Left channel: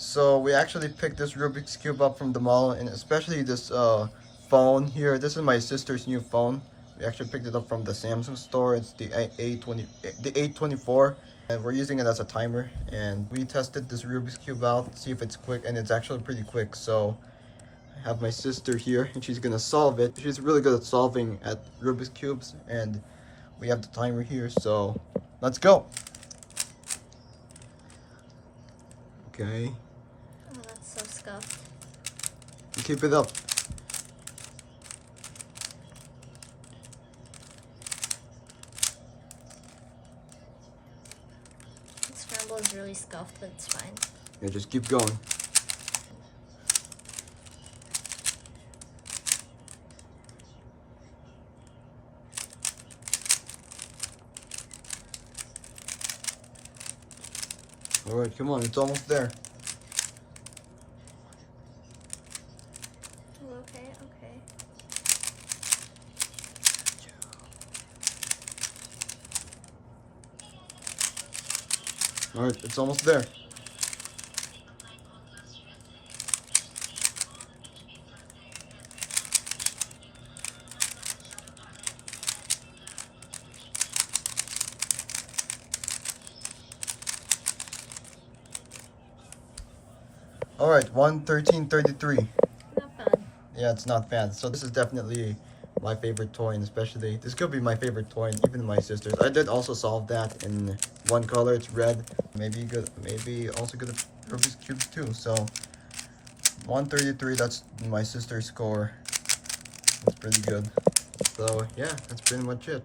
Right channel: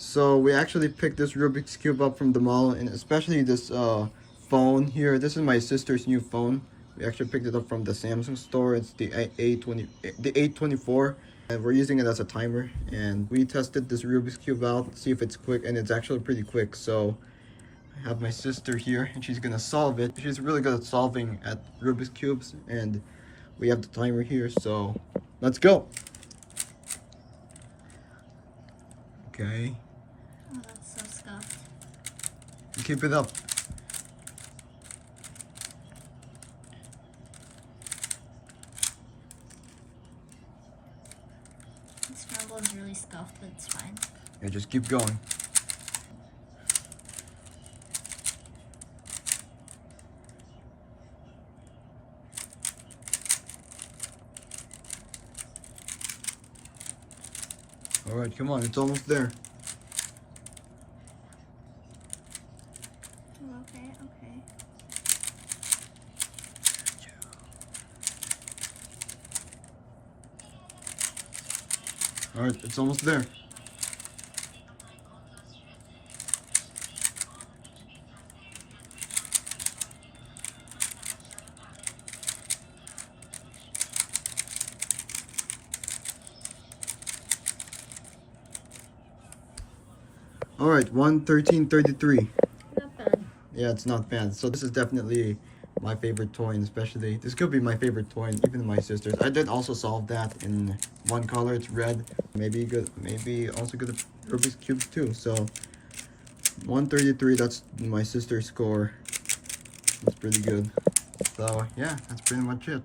So we actually picked this Rubik's Cube up from the mall, and especially this phone here. This is my sister's new phone. We actually picked it up from the Samsung store. It's the A24, and we're using it as a timer. And we tested this Rubik's Cube out, see if it's quick, and it's actually pretty quick. So I have my sister here, and she's gonna solve it. She's really good at solving at Rubik's Cubes, and we have the timer here, so let's go. Okay. Oh, that's so scuffed. Keep it up. The scramble is really scuffed, but it's fine. Yeah, just keep going. All right, come on, it's almost there. Okay, okay. All right, it's almost there. All right, 1:13:33. Not bad. Yeah, it's not bad. So this is definitely my favorite toy, and especially this could be my favorite toy, and even my sister's. I did also solve that in one color. It's red. Maybe also good at Rubik's cubes too. So 133. That's my sister's score. It's pretty good. So yeah, that's pretty much it.